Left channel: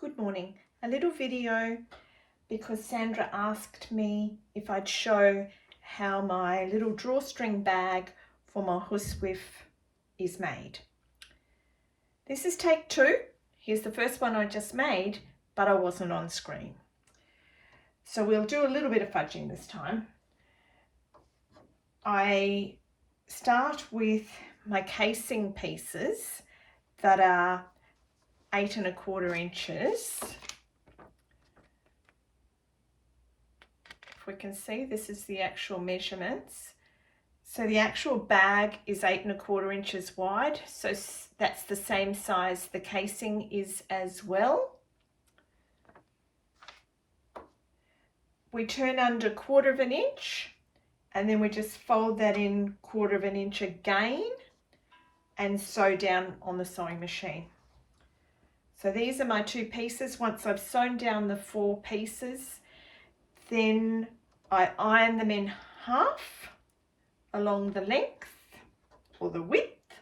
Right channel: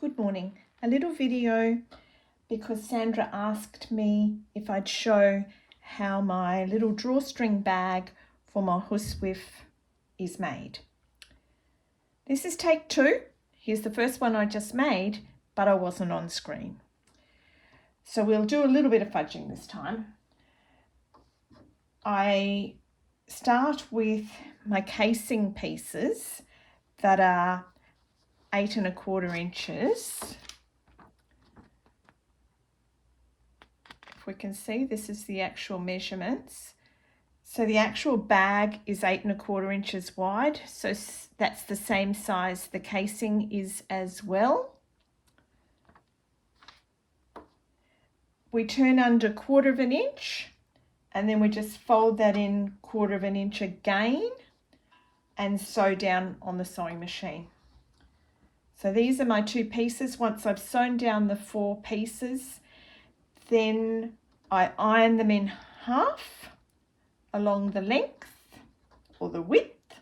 Good morning. A little video because Sandra asked me if I'd show how my little drawstring bag for my Huswif is made. This is take 2. Here's the first one I just made, but I wasn't on screen. So we'll do a little bit of fudging this time. I start with my casing pieces that are 8 1/4 inches. If we can see, this is the actual measurements. So the actual bag is 8 1/4 inches wide, so that's the same size the casing is as well. We turn under 1/4 inch and then we just fold that in 1/4 inch again and sew down on the sewing machine. So these are my 2 pieces. Once I've sewn down the 4 pieces, then I iron them in half along the length, or the width.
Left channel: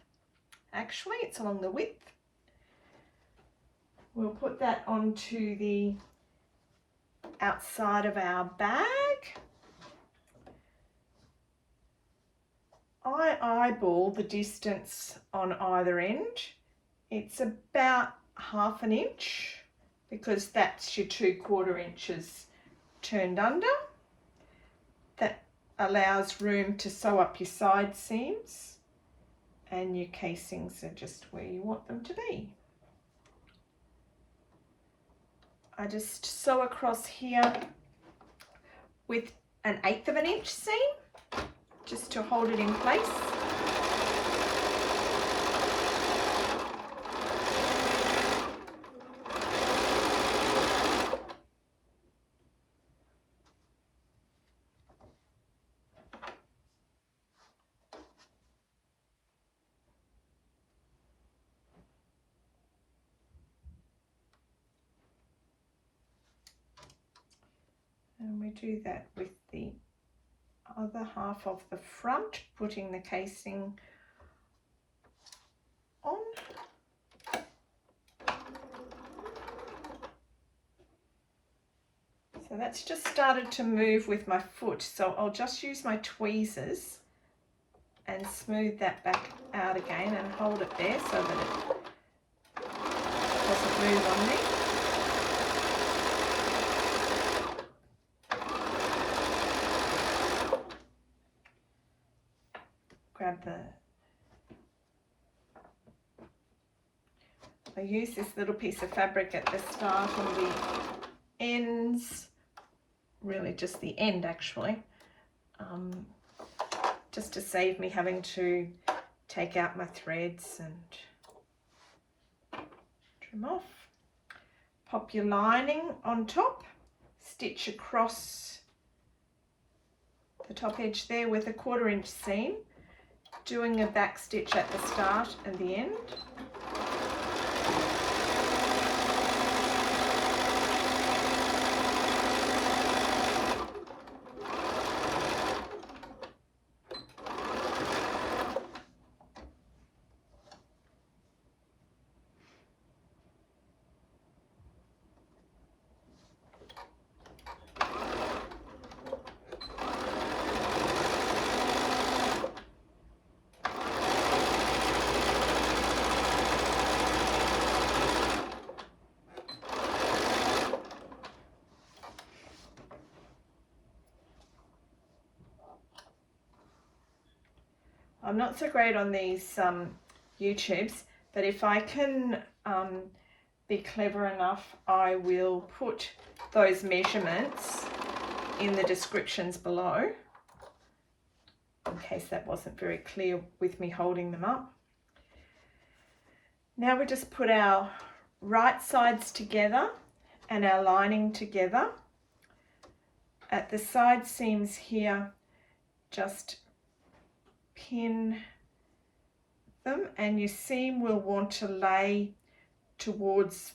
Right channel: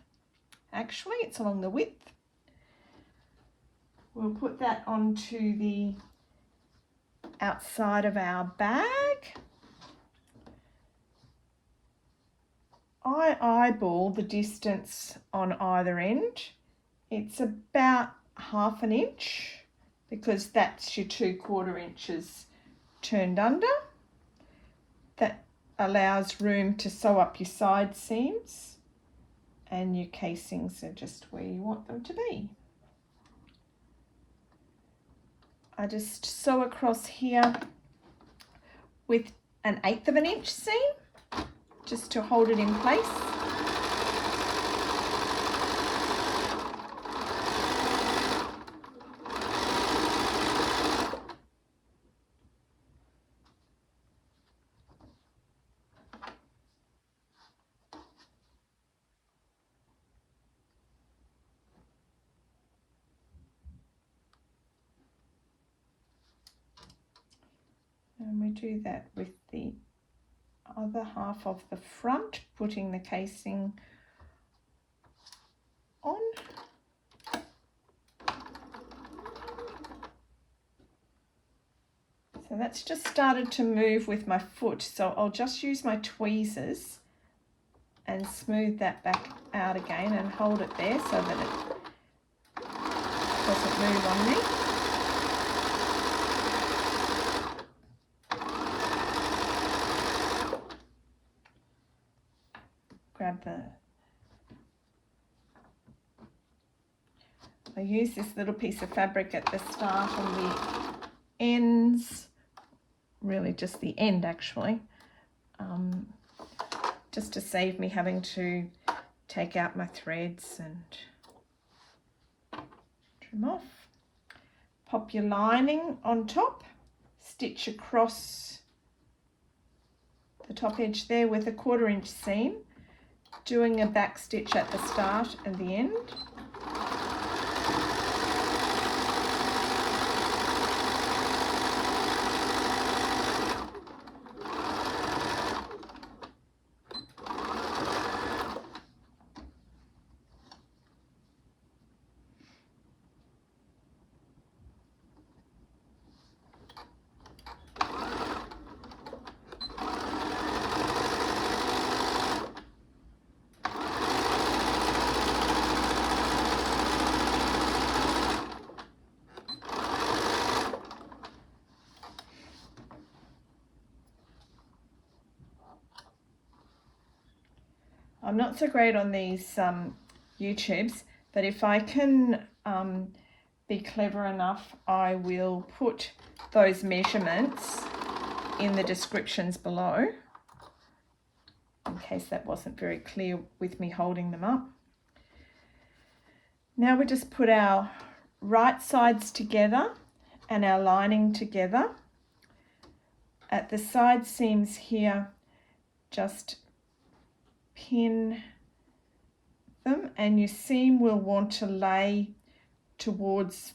Actually, it's along the width. We'll put that onto the outside of our bag. I eyeball the distance on either end. It's about 1/2 inch because that's your 2/4 inches turned under. That allows room to sew up your side seams, and your casings are just where you want them to be. I just sew across here with an 1/8 inch seam just to hold it in place. And we do that with the other half of the front, putting the casing on. So that's just started to move with my foot, so I'll just use my tweezers and smooth that back out again and hold it there so that it doesn't move on me. I use this little piece of fabric at the start and the ends, really just the end actually, just to save me having to take out my threads and trim off. Pop your lining on top, stitch across the top edge there with a 1/4 inch seam, doing a back stitch at the start and the end. I'm not so great on these YouTubes, but if I can be clever enough, I will put those measurements in the descriptions below, in case that wasn't very clear with me holding them up. Now we just put our right sides together and our lining together. At the side seams here, just pin them, and your seam will want to lay towards,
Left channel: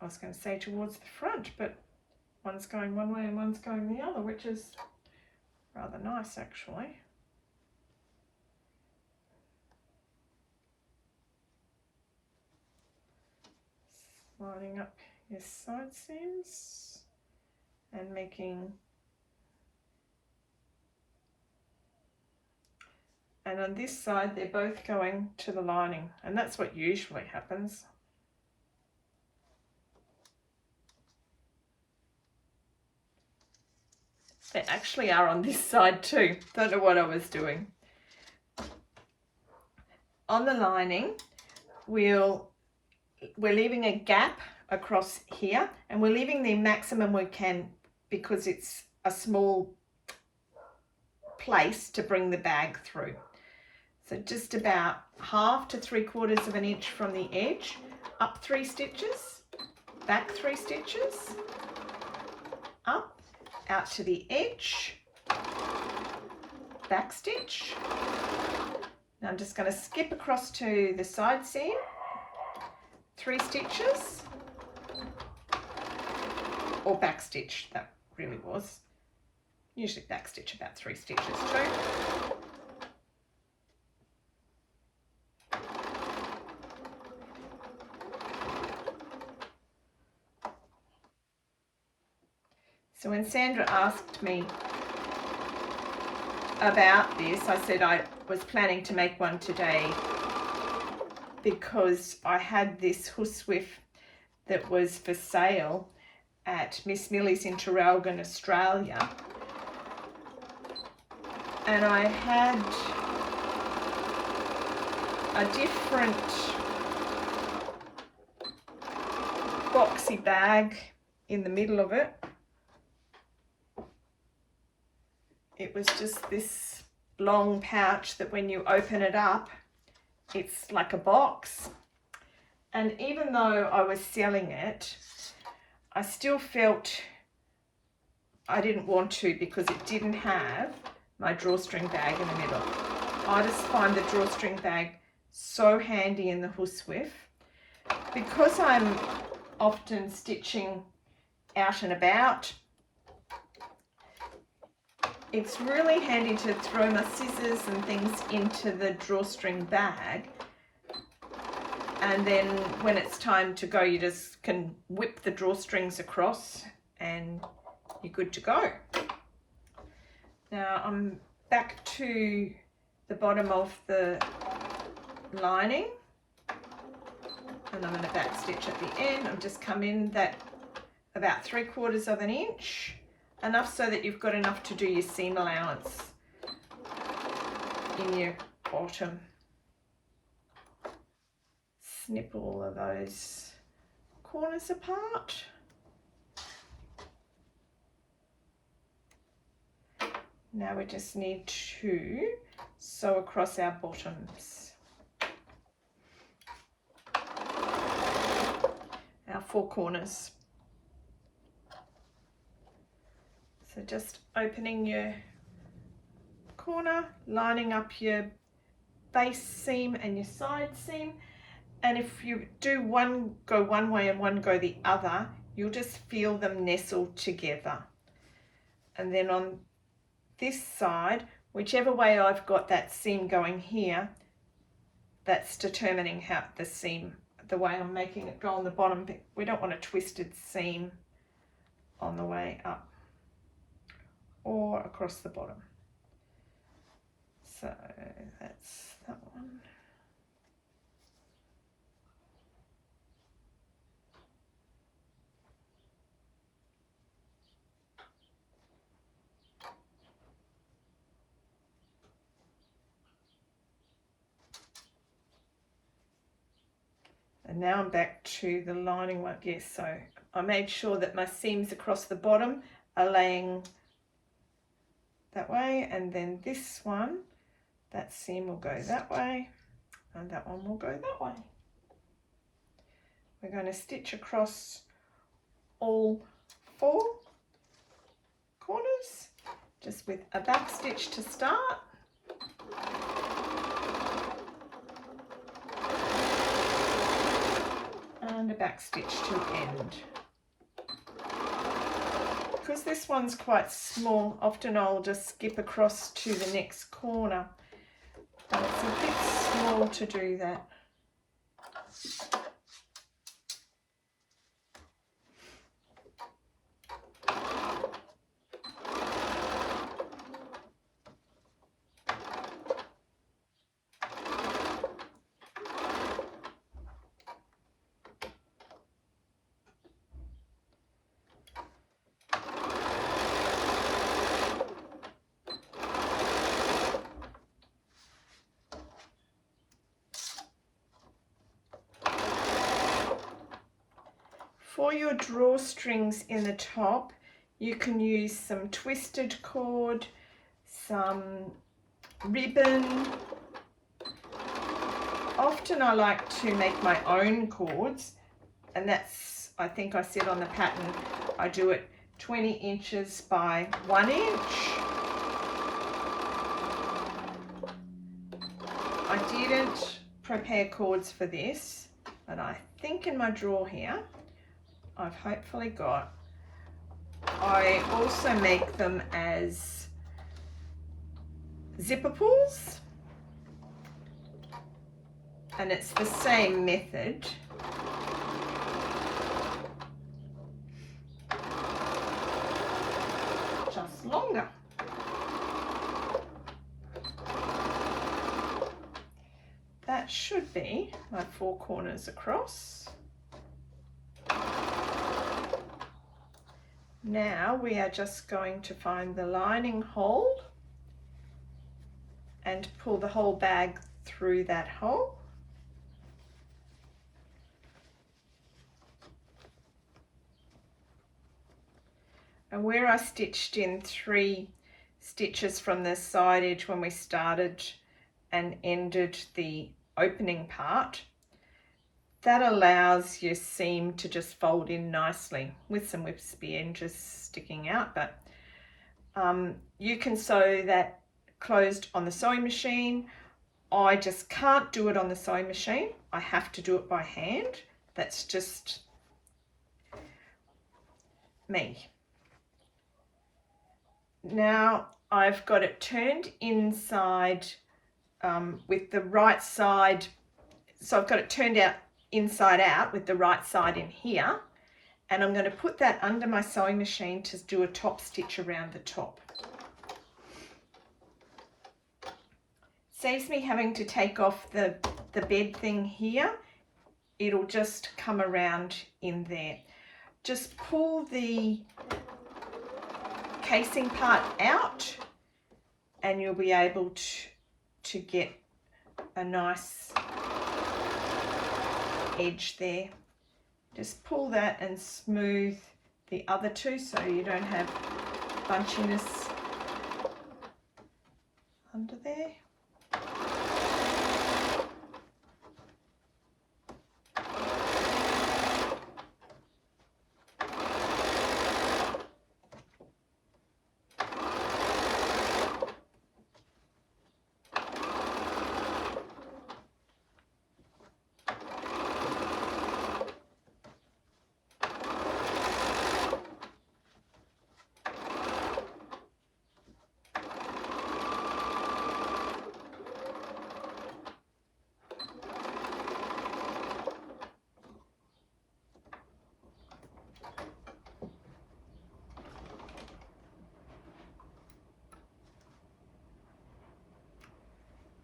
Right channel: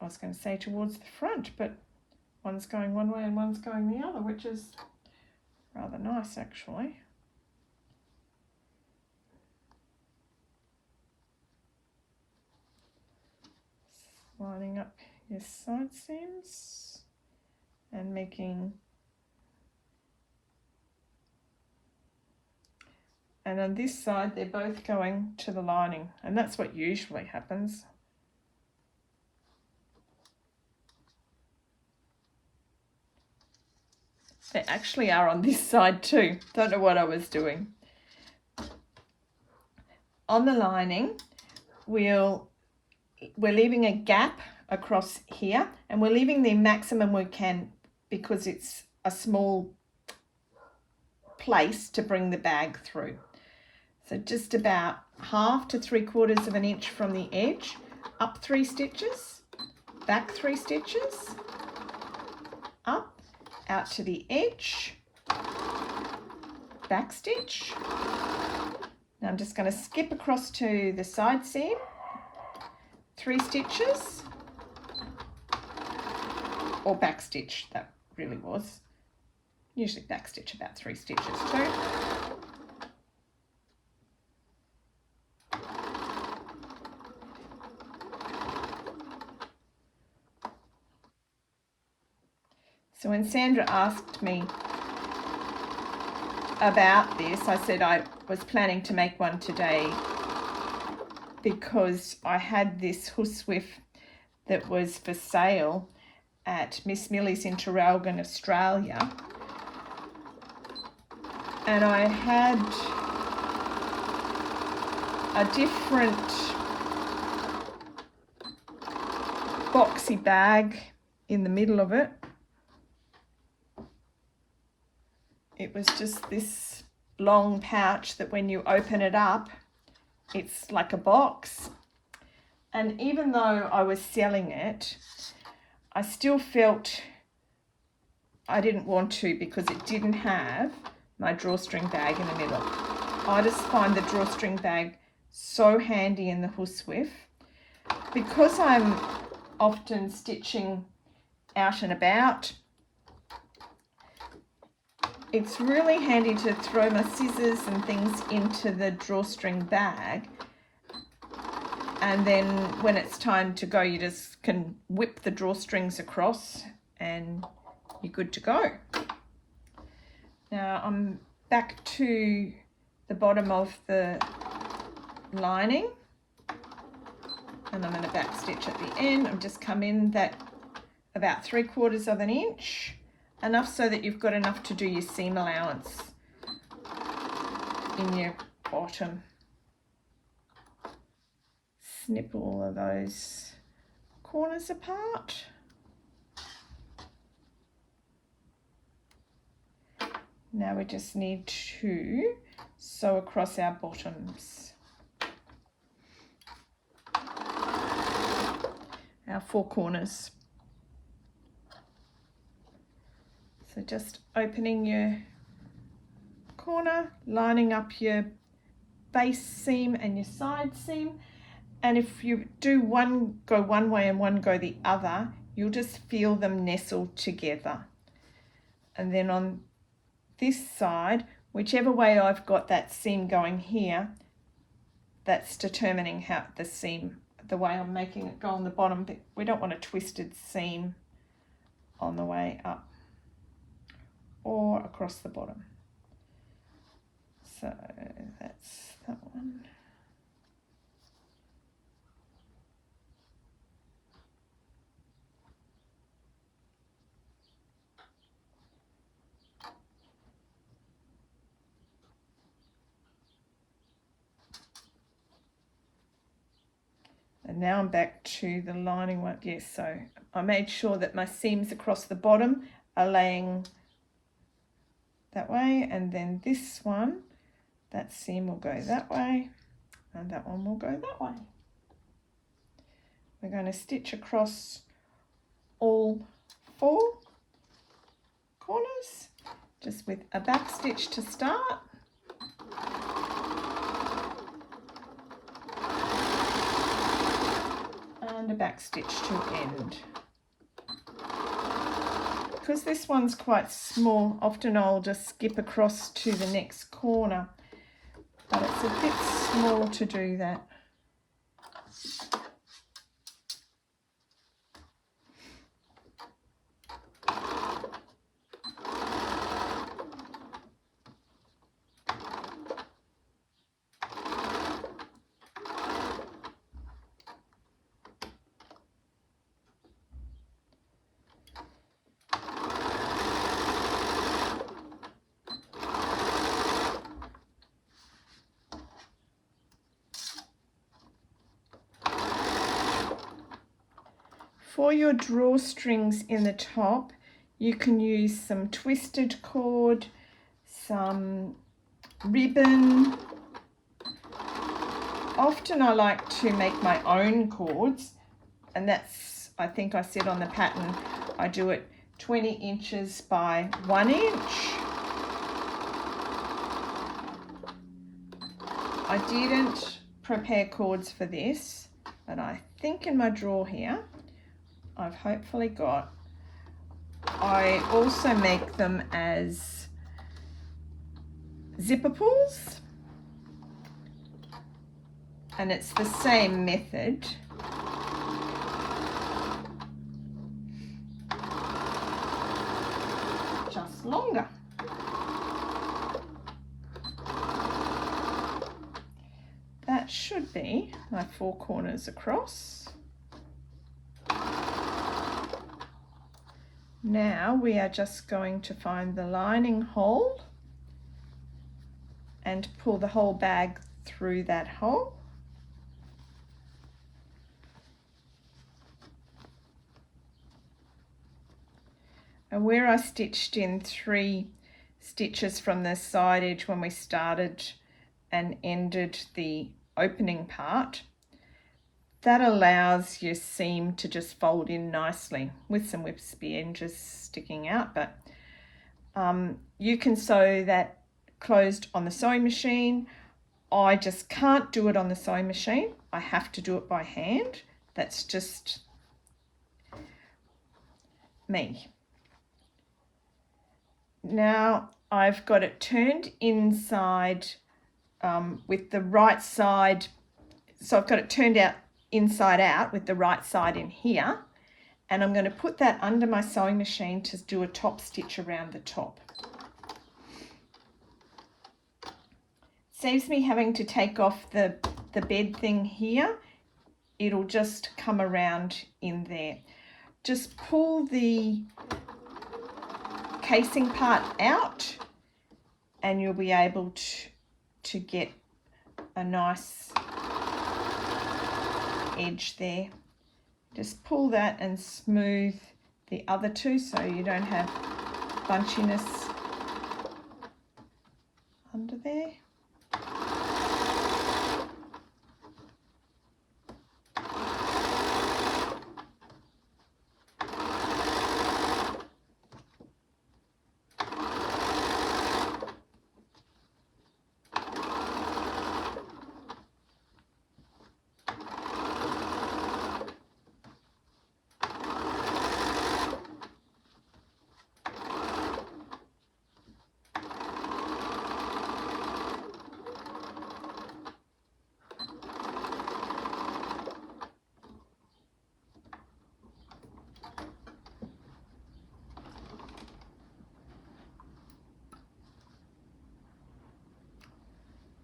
I was going to say towards the front, but one's going one way and one's going the other, which is rather nice actually. lining up your side seams and making, and on this side they're both going to the lining, and that's what usually happens. They actually are on this side too. Don't know what I was doing. On the lining, we're leaving a gap across here, and we're leaving the maximum we can because it's a small place to bring the bag through. So just about 1/2 to 3/4 of an inch from the edge, up 3 stitches, back 3 stitches, up, out to the edge, back stitch. Now I'm just going to skip across to the side seam, 3 stitches, or back stitch, that really was. Usually back stitch about 3 stitches too. So when Sandra asked me about this, I said I was planning to make one today because I had this Huswif that was for sale at Miss Millie's in Traralgon, Australia, and I had a different boxy bag in the middle of it. It was just this long pouch that when you open it up, it's like a box. And even though I was selling it, I still felt I didn't want to because it didn't have my drawstring bag in the middle. I just find the drawstring bag so handy in the Huswif. Because I'm often stitching out and about, it's really handy to throw my scissors and things into the drawstring bag, and then when it's time to go, you just can whip the drawstrings across and you're good to go. Now I'm back to the bottom of the lining, and I'm going to back stitch at the end. I've just come in that about 3/4 of an inch, enough so that you've got enough to do your seam allowance in your bottom. Snip all of those corners apart. Now we just need to sew across our bottoms, our 4 corners. So just opening your corner, lining up your base seam and your side seam, and if you do one go one way and one go the other, you'll just feel them nestle together. And then on this side, whichever way I've got that seam going here, that's determining how the seam, the way I'm making it go on the bottom. But we don't want a twisted seam on the way up or across the bottom. So that's that one. And now I'm back to the lining one. Yes, so I made sure that my seams across the bottom are laying that way, and then this one, that seam will go that way, and that one will go that way. We're going to stitch across all 4 corners, just with a back stitch to start. And a back stitch to end. Because this one's quite small, often I'll just skip across to the next corner, but it's a bit small to do that. For your drawstrings in the top, you can use some twisted cord, some ribbon. Often I like to make my own cords, and that's, I think I said on the pattern, I do it 20 inches by 1 inch. I didn't prepare cords for this, and I think in my drawer here I've hopefully got. I also make them as zipper pulls, and it's the same method. Just longer. That should be my 4 corners across. Now we are just going to find the lining hole and pull the whole bag through that hole. And where I stitched in 3 stitches from the side edge when we started and ended the opening part, that allows your seam to just fold in nicely with some wispy edges sticking out. But you can sew that closed on the sewing machine. I just can't do it on the sewing machine. I have to do it by hand. That's just me. Now I've got it turned inside with the right side. So I've got it turned out inside out with the right side in here, and I'm going to put that under my sewing machine to do a top stitch around the top. Saves me having to take off the bed thing here. It'll just come around in there. Just pull the casing part out and you'll be able to get a nice edge there. Just pull that and smooth the other two so you don't have bunchiness under there.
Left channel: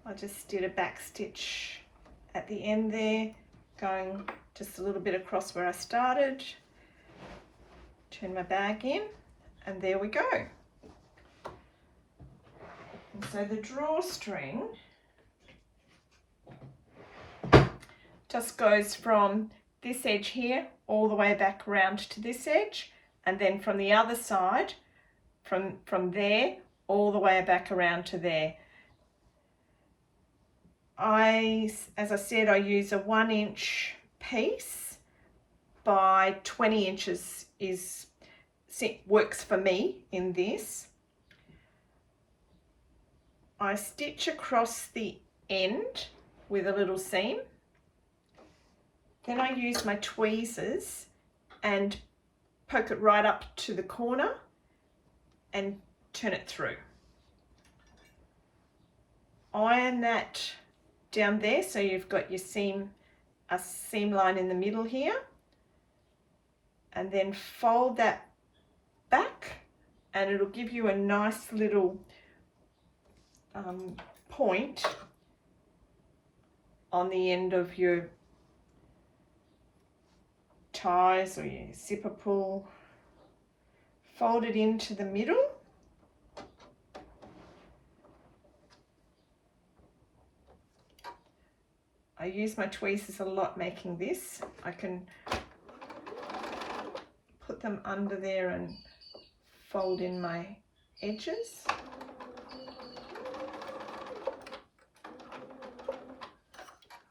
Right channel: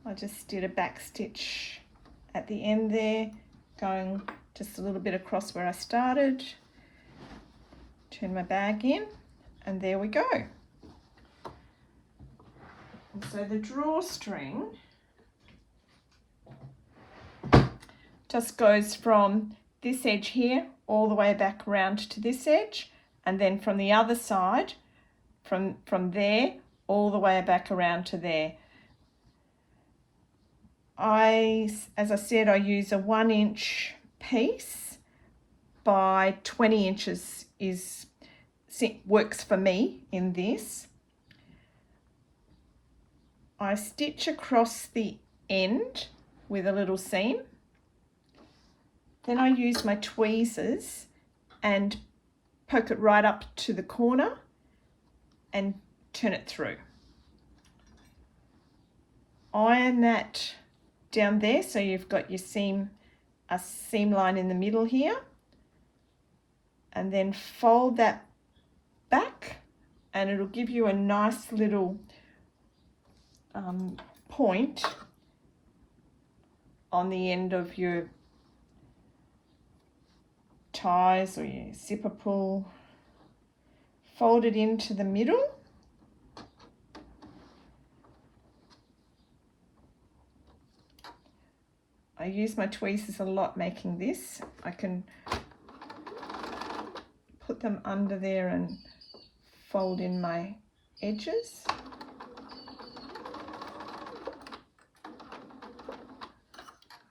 I just did a back stitch at the end there, going just a little bit across where I started. Turn my bag in, and there we go. And so the drawstring just goes from this edge here all the way back around to this edge, and then from the other side, from there all the way back around to there. As I said, I use a 1 inch piece by 20 inches works for me in this. I stitch across the end with a little seam. Then I use my tweezers and poke it right up to the corner and turn it through. Iron that down there so you've got your seam, a seam line in the middle here, and then fold that back and it'll give you a nice little point on the end of your ties or your zipper pull. Fold it into the middle. I use my tweezers a lot making this. I can them under there and fold in my edges.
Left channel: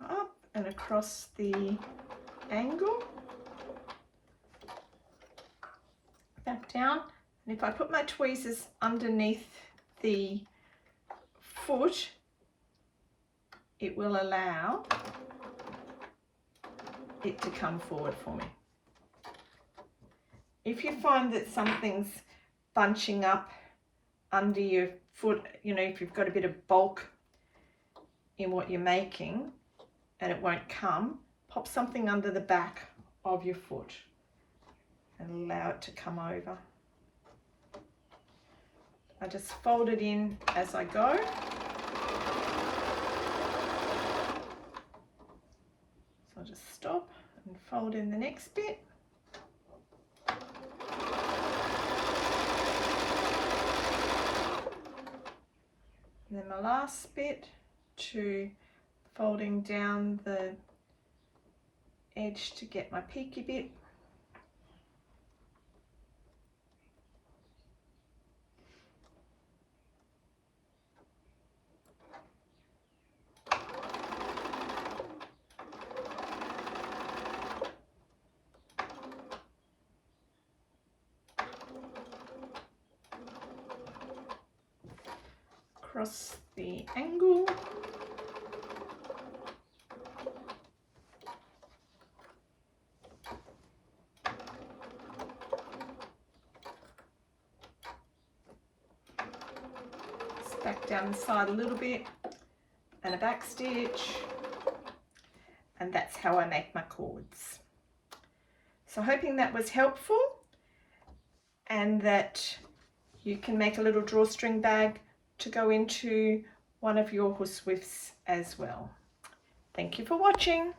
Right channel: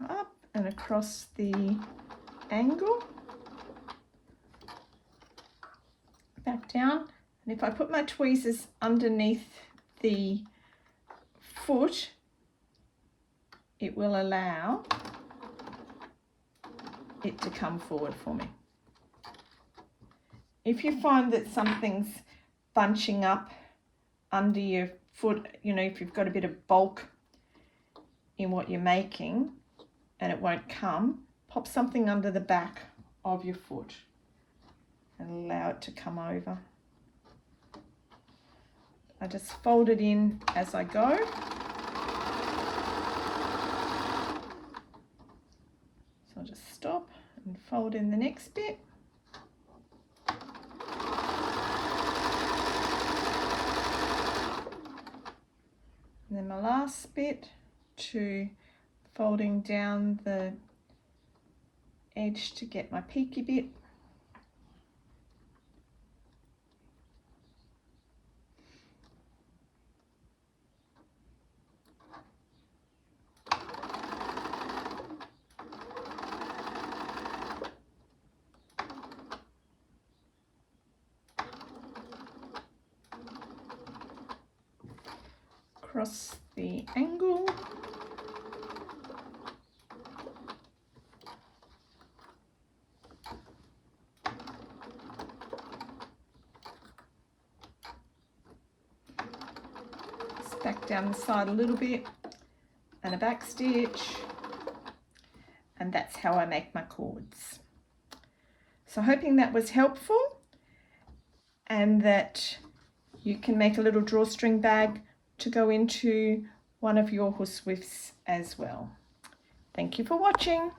Up and across the angle, back down, and if I put my tweezers underneath the foot, it will allow it to come forward for me. If you find that something's bunching up under your foot, you know, if you've got a bit of bulk in what you're making and it won't come, pop something under the back of your foot and allow it to come over. I just fold it in as I go. So I'll just stop and fold in the next bit. And then my last bit, to folding down the edge to get my peaky bit. Across the angle. Just back down the side a little bit and a back stitch, and that's how I make my cords. So hoping that was helpful and that you can make a little drawstring bag to go into one of your Huswifs as well. Thank you for watching.